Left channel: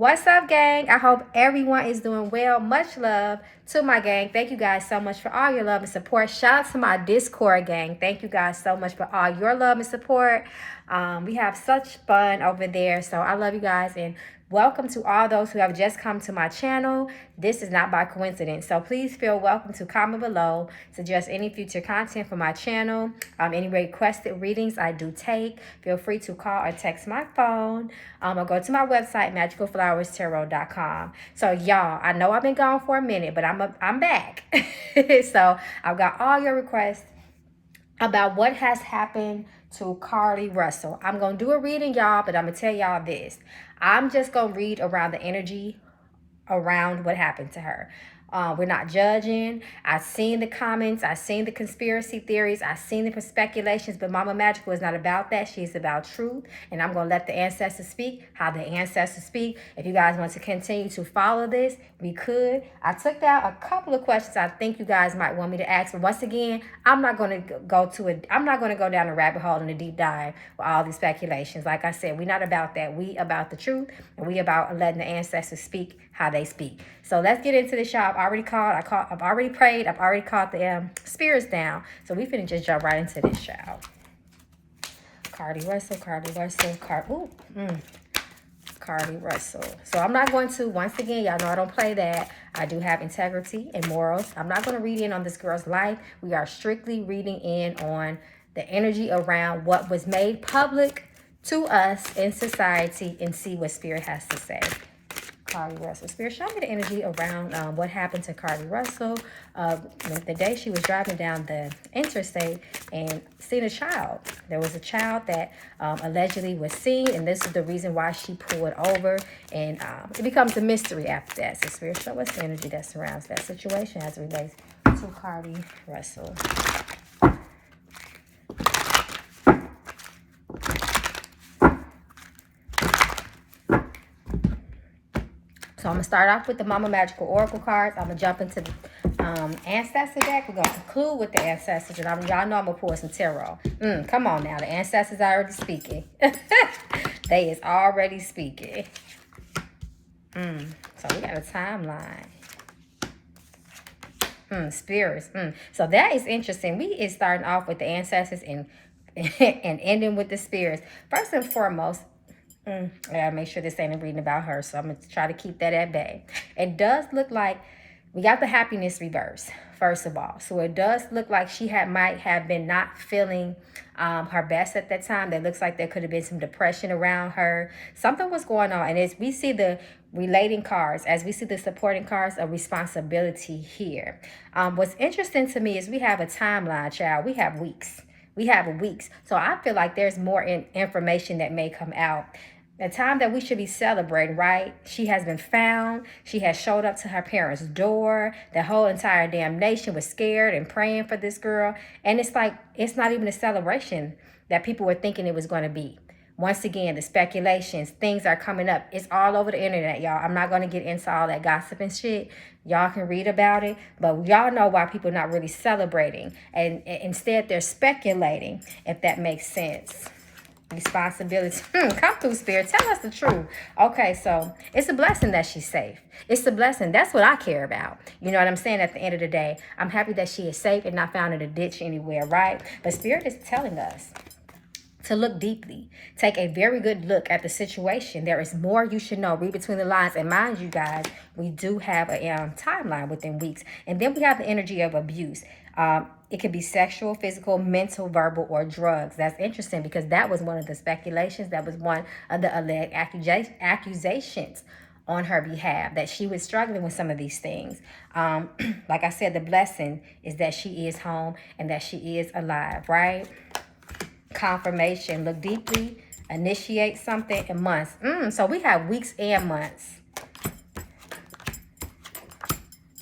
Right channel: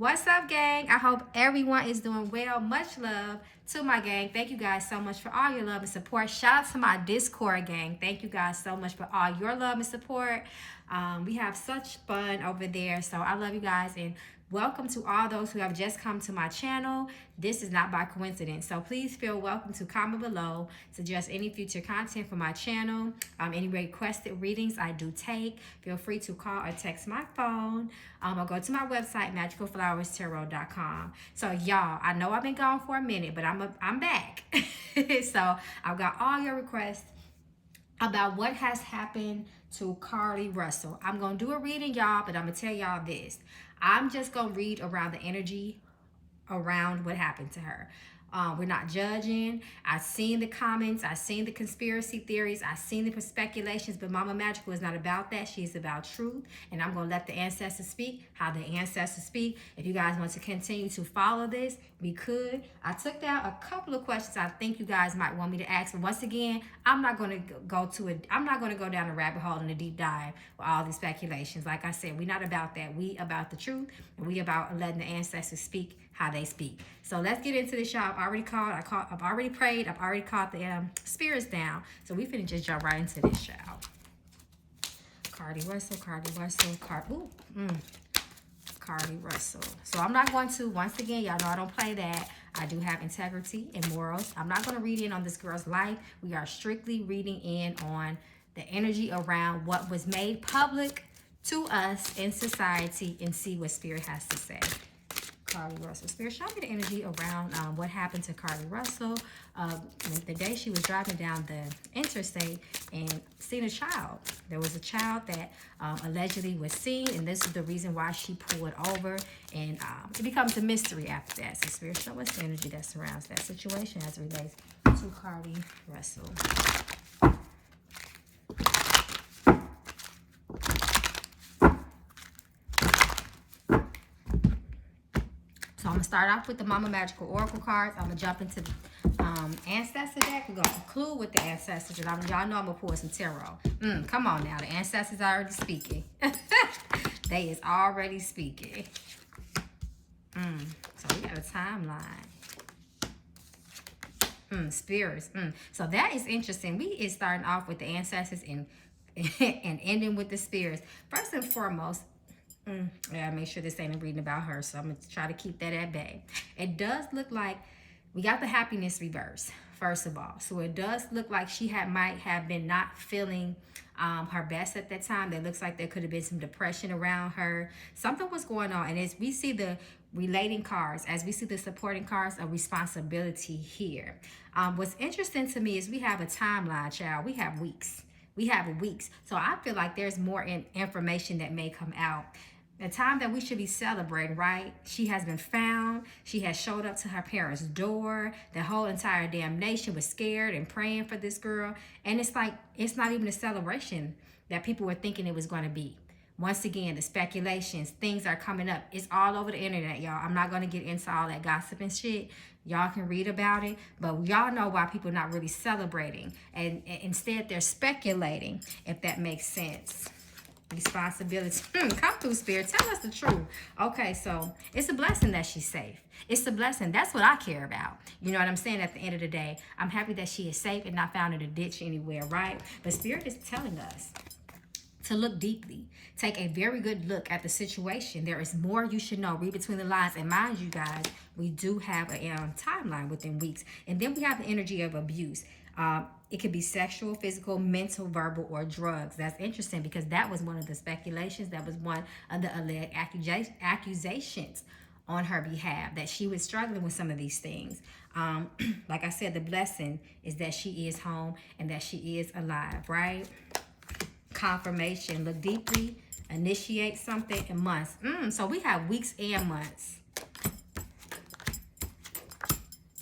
What's up, gang? I hope everyone is doing well. Much love to my gang. Thank you guys so much for all your love and support. Shout out to my Discord gang. Thank you guys so much for all your love and support. We have such fun over there. So I love you guys, and welcome to all those who have just come to my channel. This is not by coincidence. So please feel welcome to comment below, suggest any future content for my channel. Any requested readings I do take. Feel free to call or text my phone. Or go to my website, magicalflowerstarot.com. So y'all, I know I've been gone for a minute, but I'm back. So I've got all your requests about what has happened to Carlee Russell. I'm going to do a reading, y'all, but I'm going to tell y'all this. I'm just going to read around the energy around what happened to her. We're not judging. I've seen the comments. I've seen the conspiracy theories. I've seen the speculations, but Mama Magical is not about that. She's about truth, and I'm going to let the ancestors speak how the ancestors speak. If you guys want to continue to follow this, we could. I took down a couple of questions I think you guys might want me to ask, but once again, I'm not going to go down a rabbit hole in a deep dive with all these speculations. Like I said, we're not about that. We about the truth, and we about letting the ancestors speak how they speak. So let's get into this, y'all. I've already prayed. I've already called the spirits down. So we finna just jump right into this, y'all. Carlee Russell. Carlee Russell. So I'm not going to, once again, y'all know I don't play that. I do have integrity and morals. I'm not going to read in on this girl's life. We are strictly reading in on the energy around what was made public to us in society and see what spirit has to say. Carlee Russell. Spirit, show me the energy around what happened to Carlee Russell the day she was driving down the interstate and seen a child. There was a child that allegedly was seen, and this is the reason why she pulled over, and it becomes a mystery after that. So Spirit, show us the energy that surrounds that situation as it relates to Carlee Russell. So I'm going to start off with the Mama Magical Oracle cards. I'm going to jump into the Ancestor deck. We're going to conclude with the Ancestors. And y'all know I'm going to pull some tarot. Come on now. The Ancestors are already speaking. They is already speaking. So we got a timeline. Spirits. So that is interesting. We is starting off with the Ancestors and ending with the spirits. First and foremost, I gotta make sure this ain't a reading about her, so I'm gonna try to keep that at bay. It does look like we got the happiness reverse, first of all. So it does look like she might have been not feeling her best at that time. That looks like there could have been some depression around her. Something was going on. And as we see the relating cards, as we see the supporting cards of responsibility here. What's interesting to me is we have a timeline, child. We have weeks. We have weeks. So I feel like there's more information that may come out. The time that we should be celebrating, right? She has been found. She has showed up to her parents' door. The whole entire damn nation was scared and praying for this girl. And it's like, it's not even a celebration that people were thinking it was going to be. Once again, the speculations, things are coming up. It's all over the internet, y'all. I'm not going to get into all that gossip and shit. Y'all can read about it. But y'all know why people are not really celebrating. And instead, they're speculating, if that makes sense. Responsibility. Come through, Spirit. Tell us the truth. Okay, so it's a blessing that she's safe. It's a blessing. That's what I care about. You know what I'm saying? At the end of the day, I'm happy that she is safe and not found in a ditch anywhere, right? But Spirit is telling us to look deeply. Take a very good look at the situation. There is more you should know. Read between the lines. And mind you guys, we do have a timeline within weeks. And then we have the energy of abuse. It could be sexual, physical, mental, verbal, or drugs. That's interesting because that was one of the speculations. That was one of the alleged accusations on her behalf, that she was struggling with some of these things. Like I said, the blessing is that she is home and that she is alive, right? Confirmation. Look deeply. Initiate something in months. So we have weeks and months.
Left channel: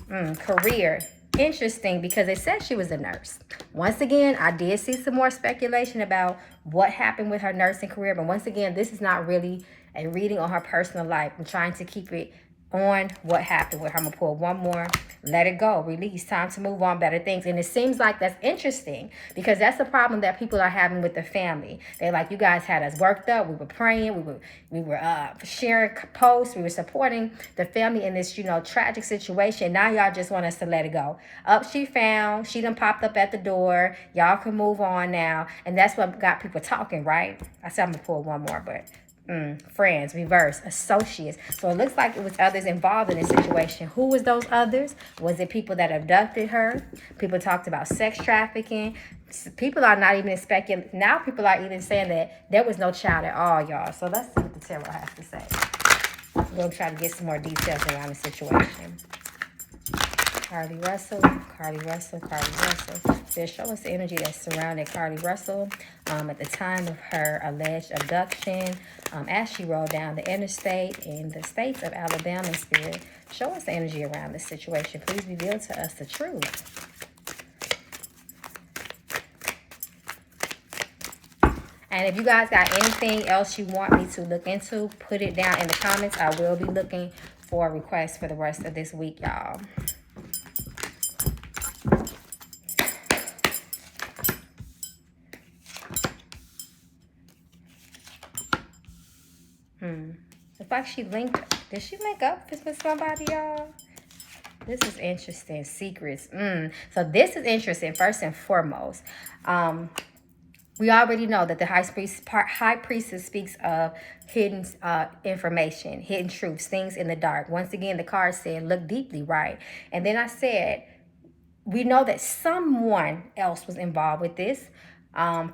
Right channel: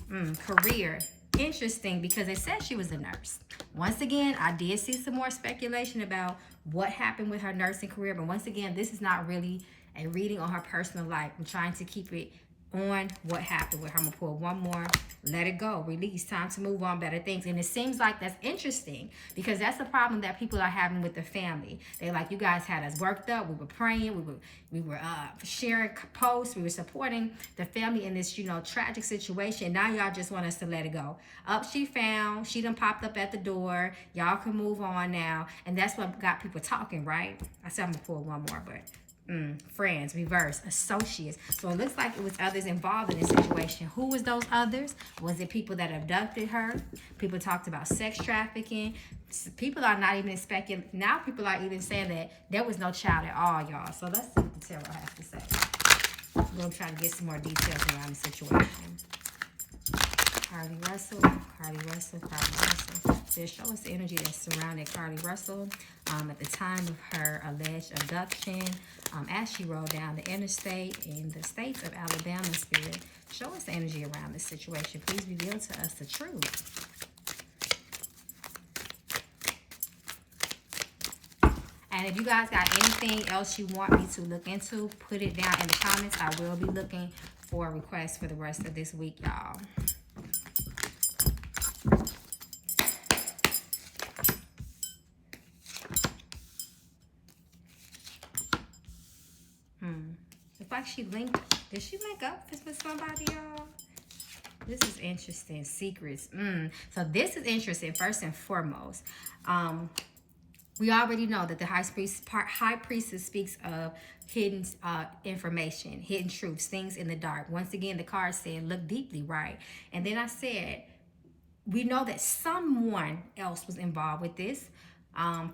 Career. Interesting because it said she was a nurse. Once again, I did see some more speculation about what happened with her nursing career. But once again, this is not really a reading on her personal life. I'm trying to keep it on what happened with her. I'm going to pull one more. Let it go. Release. Time to move on. Better things. And it seems like that's interesting because that's the problem that people are having with the family. They're like, you guys had us worked up. We were praying. We were sharing posts. We were supporting the family in this, you know, tragic situation. Now y'all just want us to let it go. Up she found. She done popped up at the door. Y'all can move on now. And that's what got people talking, right? I said I'm going to pull one more, but... friends, reverse, associates. So it looks like it was others involved in this situation. Who was those others? Was it people that abducted her? People talked about sex trafficking. People are not even speculating. Now people are even saying that there was no child at all, y'all. So let's see what the tarot has to say. We'll try to get some more details around the situation. Carlee Russell, Carlee Russell, Carlee Russell. So show us the energy that surrounded Carlee Russell at the time of her alleged abduction. As she rode down the interstate in the states of Alabama and Spirit. Show us the energy around this situation. Please reveal to us the truth. And if you guys got anything else you want me to look into, put it down in the comments. I will be looking for requests for the rest of this week, y'all. It's like she linked. Did she link up with somebody, y'all? This is interesting. Secrets. So this is interesting. First and foremost, we already know that the high priestess speaks of hidden information, hidden truths, things in the dark. Once again, the card said, look deeply, right? And then I said, we know that someone else was involved with this.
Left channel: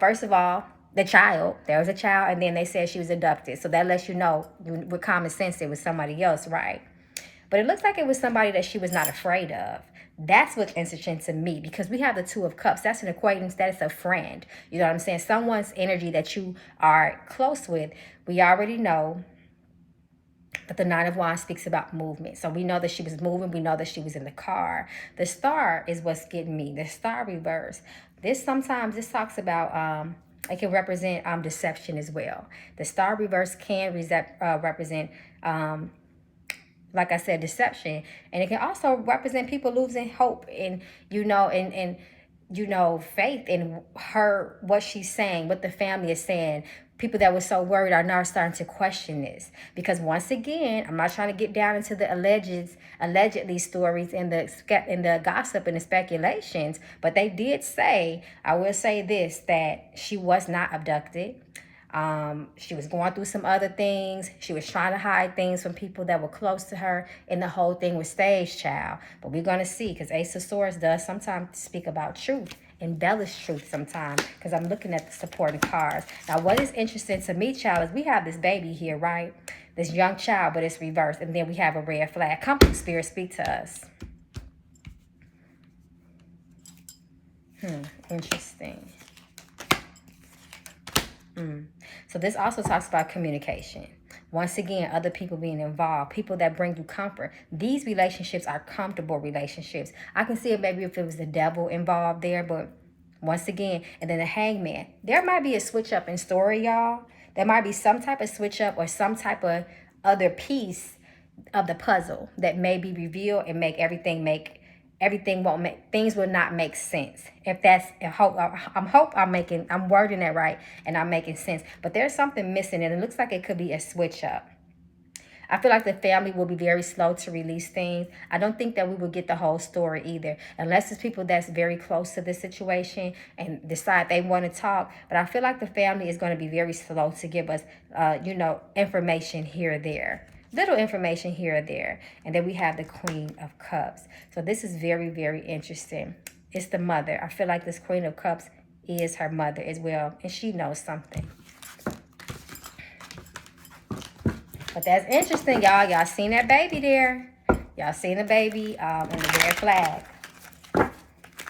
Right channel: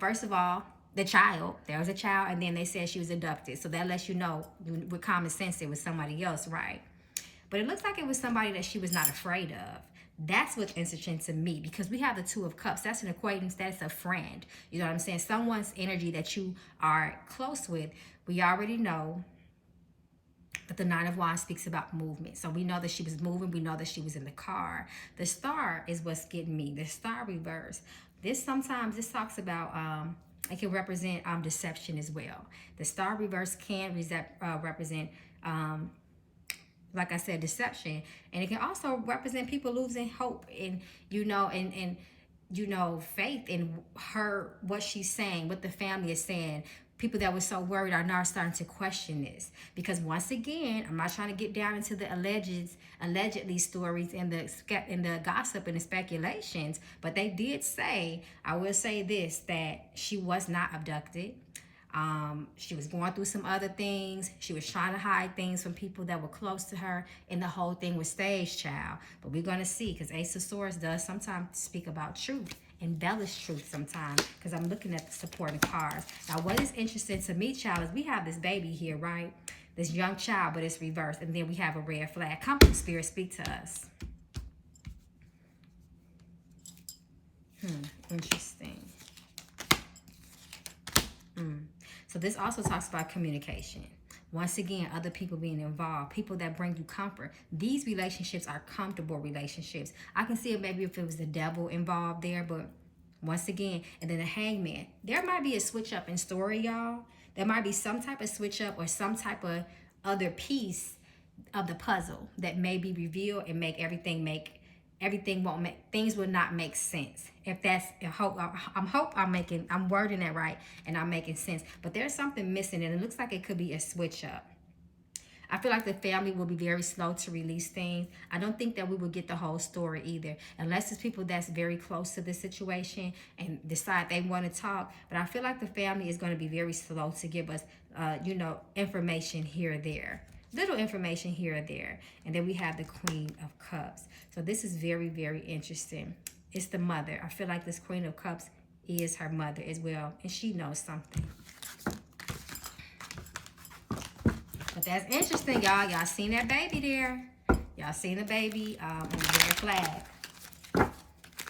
First of all, the child. There was a child, and then they said she was abducted. So that lets you know, with common sense, it was somebody else, right? But it looks like it was somebody that she was not afraid of. That's what's interesting to me, because we have the Two of Cups. That's an acquaintance. That's a friend. You know what I'm saying? Someone's energy that you are close with. We already know that the Nine of Wands speaks about movement. So we know that she was moving. We know that she was in the car. The star is what's getting me. The star reverse. Sometimes this talks about... it can represent deception as well. The star reverse can represent, like I said, deception. And it can also represent people losing hope and, faith in her, what she's saying, what the family is saying. People that were so worried are now starting to question this. Because once again, I'm not trying to get down into the allegedly stories and the gossip and the speculations, but they did say, I will say this, that she was not abducted. She was going through some other things. She was trying to hide things from people that were close to her, and the whole thing was staged, child. But we're going to see, because Ace of Swords does sometimes speak about truth, embellish truth sometimes, because I'm looking at the supporting cards. Now, what is interesting to me, child, is we have this baby here, right? This young child, but it's reversed. And then we have a red flag. Come, Spirit, speak to us. Interesting. So this also talks about communication. Once again, other people being involved, people that bring you comfort. These relationships are comfortable relationships. I can see it maybe if it was the devil involved there, but once again, and then the Hangman. There might be a switch up in story, y'all. There might be some type of switch up or some type of other piece of the puzzle that may be revealed and things will not make sense. If that's I'm wording that right and I'm making sense. But there's something missing, and it looks like it could be a switch up. I feel like the family will be very slow to release things. I don't think that we will get the whole story either, unless it's people that's very close to the situation and decide they want to talk. But I feel like the family is going to be very slow to give us, information here or there. Little information here or there. And then we have the Queen of Cups. So this is very, very interesting. It's the mother. I feel like this Queen of Cups is her mother as well. And she knows something. But that's interesting, y'all. Y'all seen that baby there. Y'all seen the baby on the red flag.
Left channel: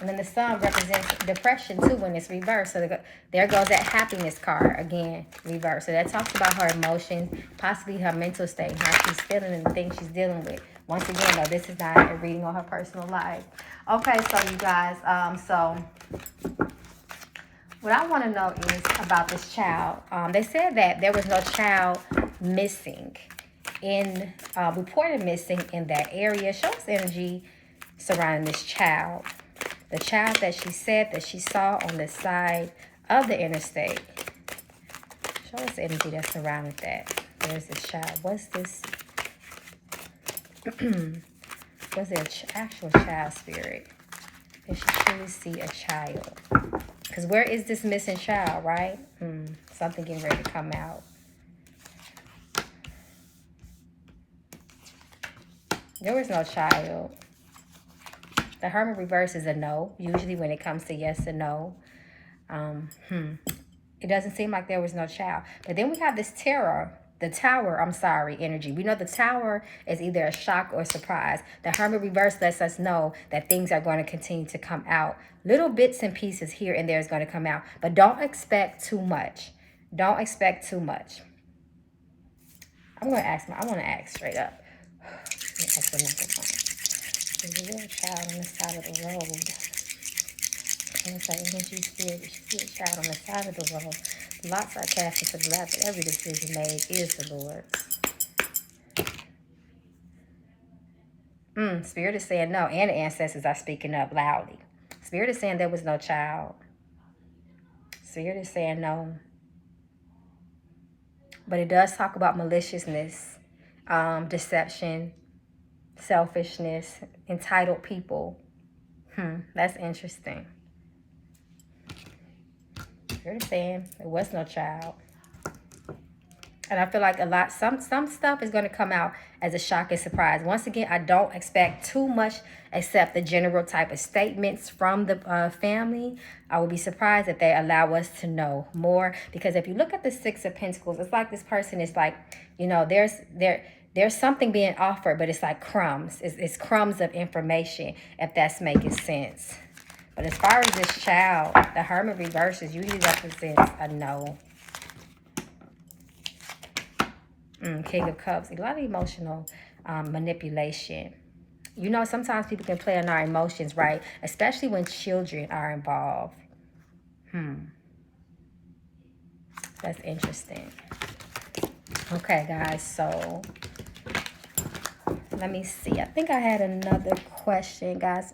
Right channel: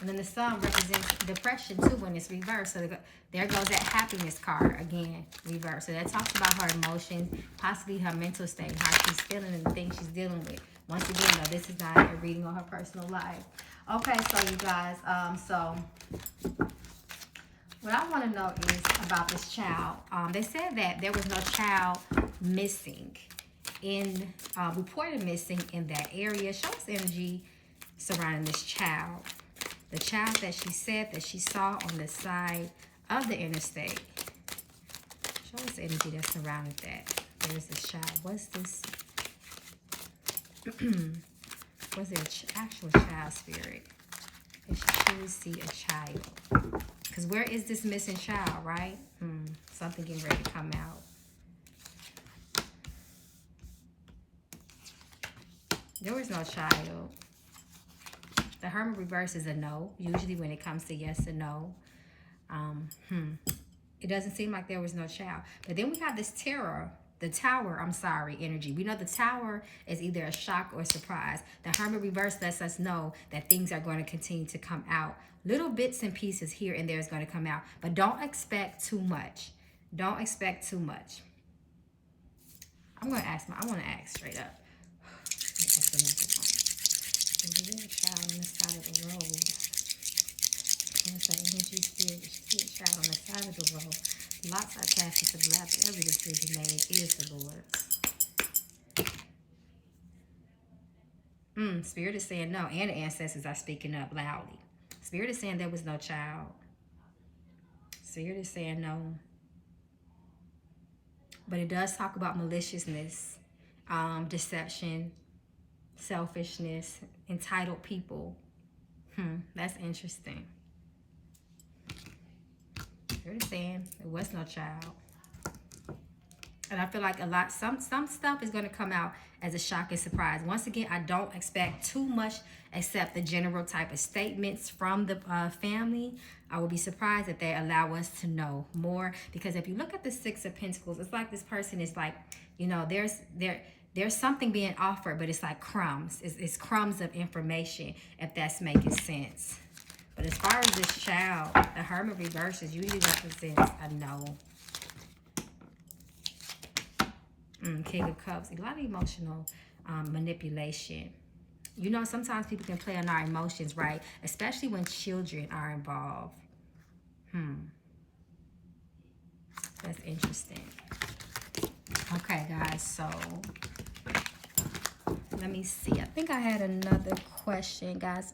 And then the sun represents depression, too, when it's reversed. So there goes that happiness card, again, reversed. So that talks about her emotions, possibly her mental state, how she's feeling and the things she's dealing with. Once again, though, this is not a reading on her personal life. Okay, so you guys, what I want to know is about this child. They said that there was no child missing reported missing in that area. Show us energy surrounding this child. The child that she said that she saw on the side of the interstate. Show us the energy that's surrounding that. There's this child. What's this? Was there an actual child spirit? Did she truly see a child? Because where is this missing child, right? Something getting ready to come out. There was no child. The Hermit reverse is a no. Usually when it comes to yes and no. It doesn't seem like there was no child. But then we have this tower, energy. We know the Tower is either a shock or a surprise. The Hermit reverse lets us know that things are going to continue to come out. Little bits and pieces here and there is going to come out. But don't expect too much. Don't expect too much. I want to ask straight up. Is there a child on the side of the road? It's like energy spirit. You see a child on the side of the road. Lots are cast into the lap, but every decision made is the Lord's. Spirit is saying no, and the ancestors are speaking up loudly. Spirit is saying there was no child. Spirit is saying no. But it does talk about maliciousness, deception, selfishness, entitled people. That's interesting. Spirit is saying there was no child. And I feel like some stuff is going to come out as a shock and surprise. Once again, I don't expect too much except the general type of statements from the family. I will be surprised if they allow us to know more. Because if you look at the Six of Pentacles, it's like this person is like, you know, there's something being offered, but it's like crumbs. It's crumbs of information, if that's making sense. But as far as this child, the Hermit reverses usually represents a no. King of Cups, a lot of emotional manipulation. You know, sometimes people can play on our emotions, right? Especially when children are involved. That's interesting. Okay, guys, so let me see. I think I had another question, guys.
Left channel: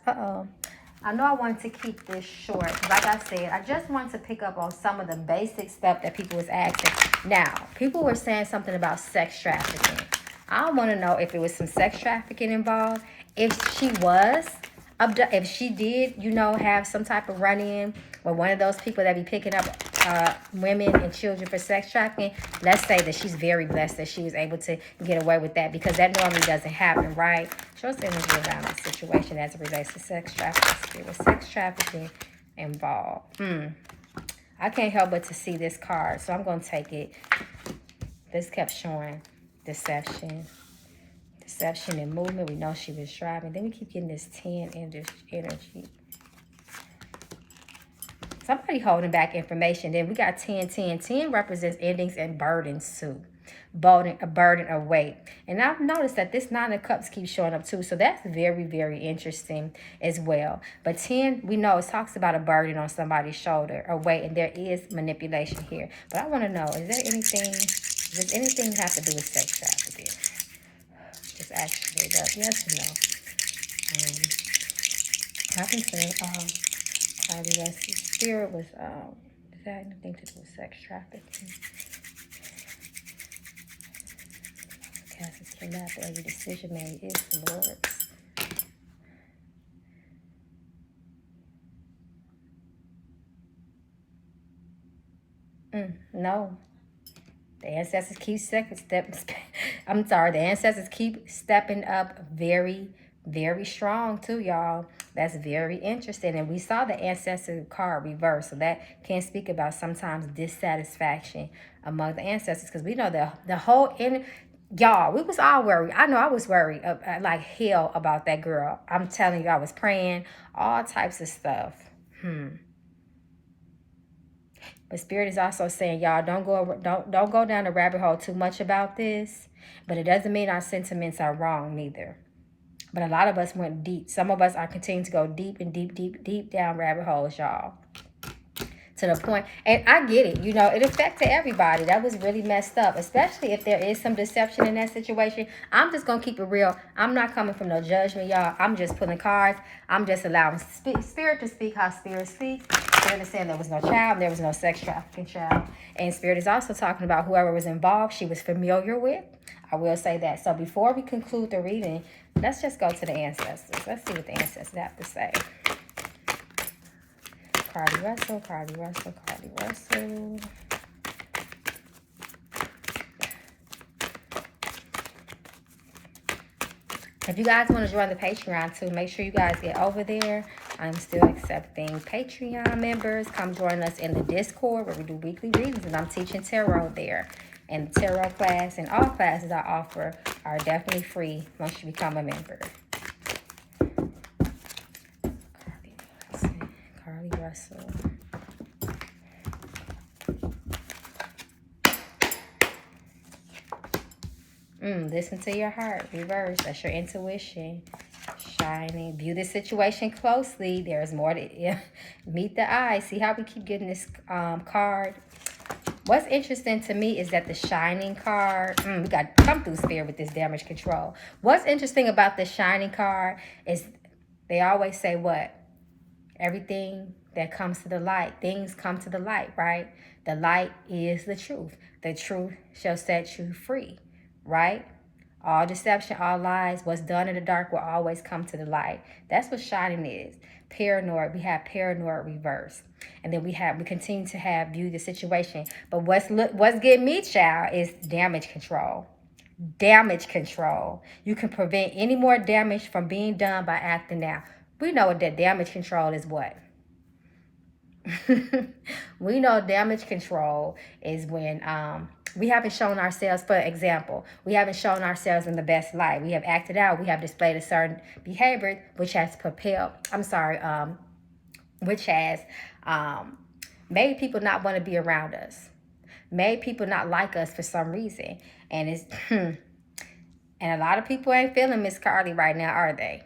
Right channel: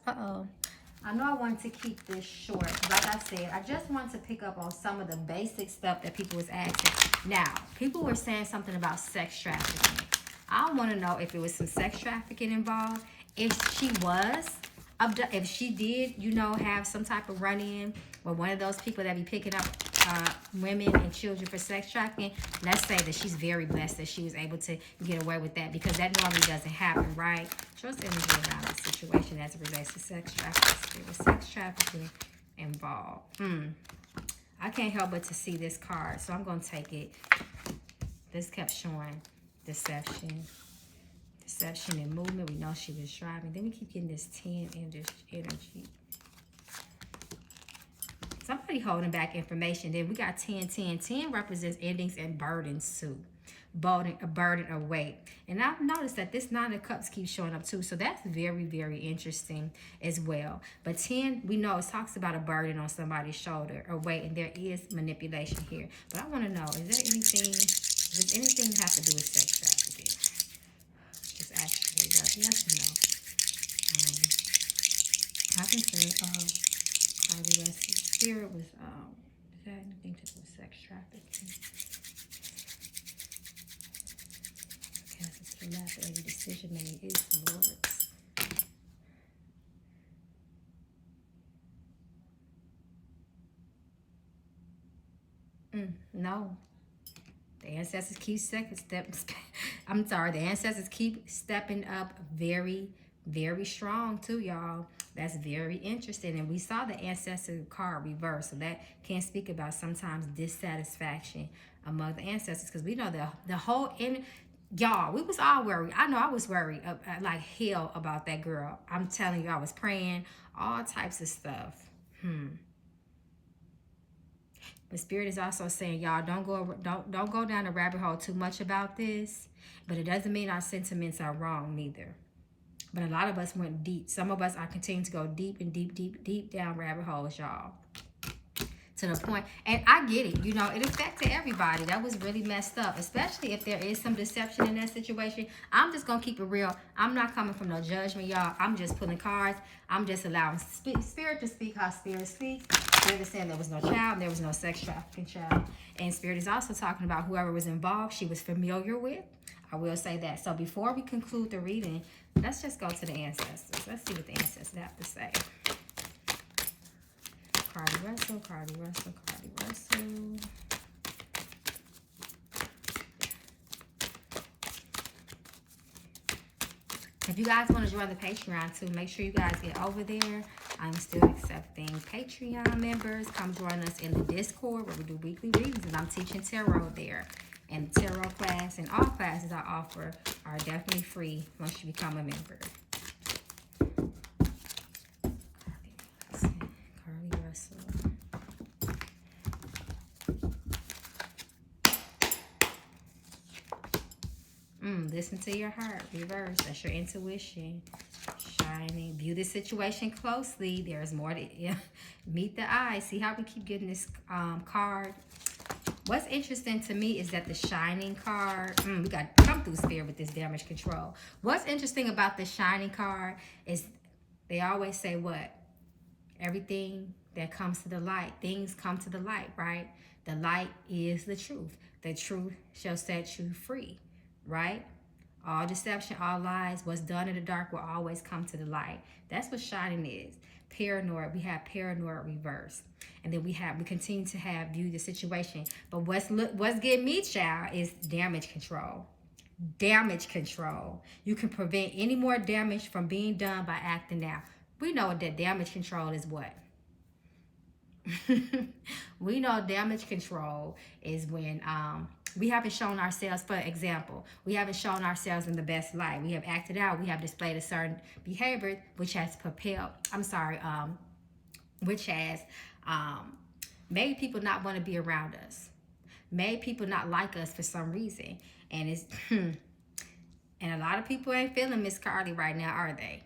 I know I wanted to keep this short. Like I said, I just wanted to pick up on some of the basic stuff that people was asking. Now, people were saying something about sex trafficking. I want to know if there was some sex trafficking involved. If she was, if she did, you know, have some type of run-in with one of those people that be picking up women and children for sex trafficking, let's say that she's very blessed that she was able to get away with that, because that normally doesn't happen, right? Show us energy around this situation as it relates to sex trafficking. There was sex trafficking involved. I can't help but to see this card, so I'm going to take it. This kept showing deception. Deception and movement. We know she was driving. Then we keep getting this 10 energy. Somebody holding back information. Then we got 10, 10. 10 represents endings and burdens too. A burden of weight. And I've noticed that this 9 of Cups keeps showing up too. So that's very, very interesting as well. But 10, we know it talks about a burden on somebody's shoulder, a weight, and there is manipulation here. But I want to know, does anything have to do with sex trafficking? Just actually does. Yes or no? I can say, Carlee, spirit was, does that have anything to do with sex trafficking? Every decision made is the Lord's. No. The ancestors keep the ancestors keep stepping up very, very strong too, y'all. That's very interesting. And we saw the ancestor card reverse. So that can speak about sometimes dissatisfaction among the ancestors. Because we know the whole... Y'all, we was all worried. I know I was worried like hell about that girl. I'm telling you, I was praying, all types of stuff. But Spirit is also saying, y'all, don't go down the rabbit hole too much about this. But it doesn't mean our sentiments are wrong neither. But a lot of us went deep. Some of us are continuing to go deep and deep, deep, deep down rabbit holes, y'all. to the point, and I get it, you know, it affected everybody. That was really messed up, especially if there is some deception in that situation. I'm just gonna keep it real. I'm not coming from no judgment, y'all. I'm just pulling cards. I'm just allowing spirit to speak how spirit speaks. Spirit is saying there was no child, there was no sex trafficking child, and spirit is also talking about whoever was involved, she was familiar with. I will say that. So before we conclude the reading, let's just go to the ancestors. Let's see what the ancestors have to say. Carlee Russell, Carlee Russell, Carlee Russell. If you guys want to join the Patreon too, make sure you guys get over there. I'm still accepting Patreon members. Come join us in the Discord where we do weekly readings, and I'm teaching tarot there. And the tarot class and all classes I offer are definitely free once you become a member. Carlee Russell. Listen to your heart. Reverse. That's your intuition. Shining. View the situation closely. There's more to meet the eye. See how we keep getting this card. What's interesting to me is that the Shining card, we got to come through spirit with this damage control. What's interesting about the Shining card is they always say what? Everything that comes to the light, things come to the light, right? The light is the truth. The truth shall set you free, right? All deception, all lies, what's done in the dark will always come to the light. That's what Shining is. Paranoid, we have paranoid reverse. And then we continue to have view the situation. But what's getting me, child, is damage control. Damage control. You can prevent any more damage from being done by acting now. We know that damage control is what? We know damage control is when we haven't shown ourselves, for example, we haven't shown ourselves in the best light. We have acted out. We have displayed a certain behavior which has which has made people not want to be around us, made people not like us for some reason. And it's and a lot of people ain't feeling Miss Carlee right now, are they?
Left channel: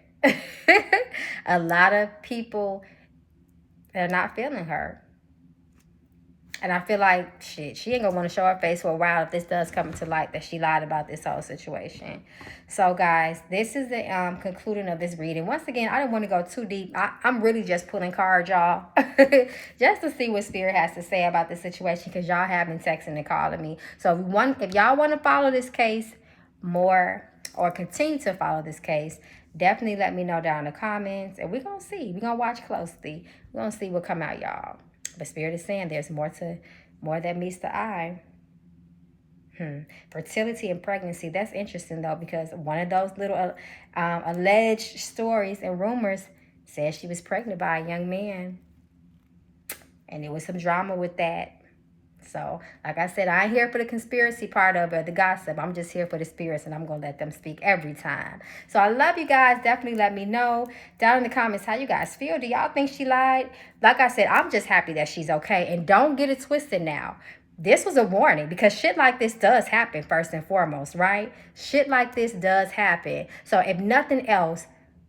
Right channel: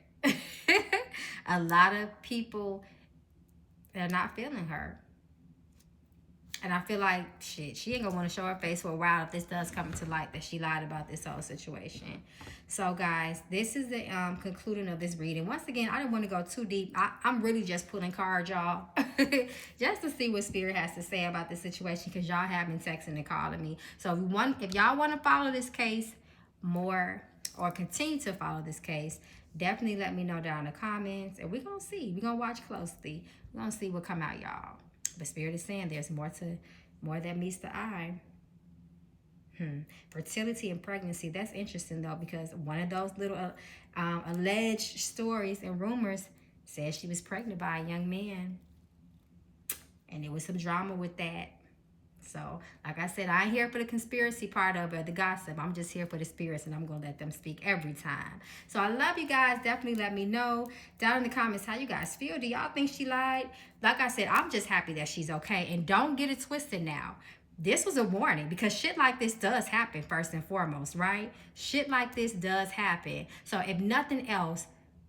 A lot of people are not feeling her. And I feel like, shit, she ain't going to want to show her face for a while if this does come to light that she lied about this whole situation. So, guys, this is the concluding of this reading. Once again, I didn't want to go too deep. I'm really just pulling cards, y'all. Just to see what Spirit has to say about this situation, because y'all have been texting and calling me. So, if y'all want to follow this case more or continue to follow this case, definitely let me know down in the comments. And we're going to see. We're going to watch closely. We're going to see what come out, y'all. But Spirit is saying there's more that meets the eye. Fertility and pregnancy. That's interesting, though, because one of those little alleged stories and rumors says she was pregnant by a young man. And there was some drama with that. So, like I said, I ain't here for the conspiracy part of it, the gossip. I'm just here for the spirits, and I'm going to let them speak every time. So, I love you guys. Definitely let me know down in the comments how you guys feel. Do y'all think she lied? Like I said, I'm just happy that she's okay. And don't get it twisted now. This was a warning, because shit like this does happen first and foremost, right? Shit like this does happen. So, if nothing else,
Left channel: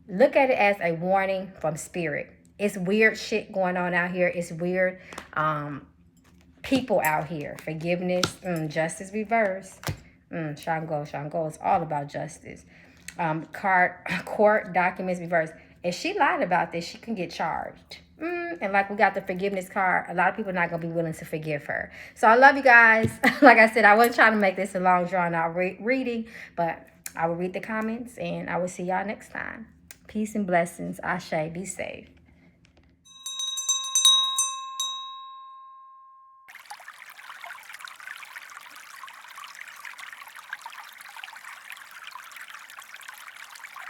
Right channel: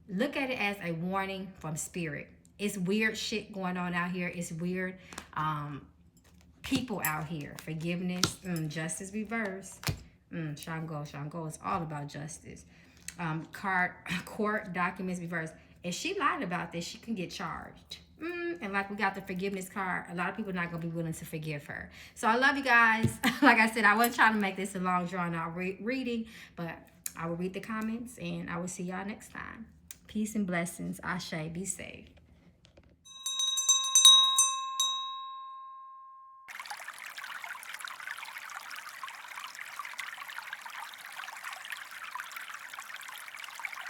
look at it as a warning from Spirit. It's weird shit going on out here. It's weird people out here. Forgiveness, justice reverse. Shango is all about justice. Court documents reverse. If she lied about this, she can get charged. And like we got the forgiveness card, a lot of people are not going to be willing to forgive her. So I love you guys. Like I said, I wasn't trying to make this a long drawn out reading, but I will read the comments, and I will see y'all next time. Peace and blessings. Ashe. Be safe.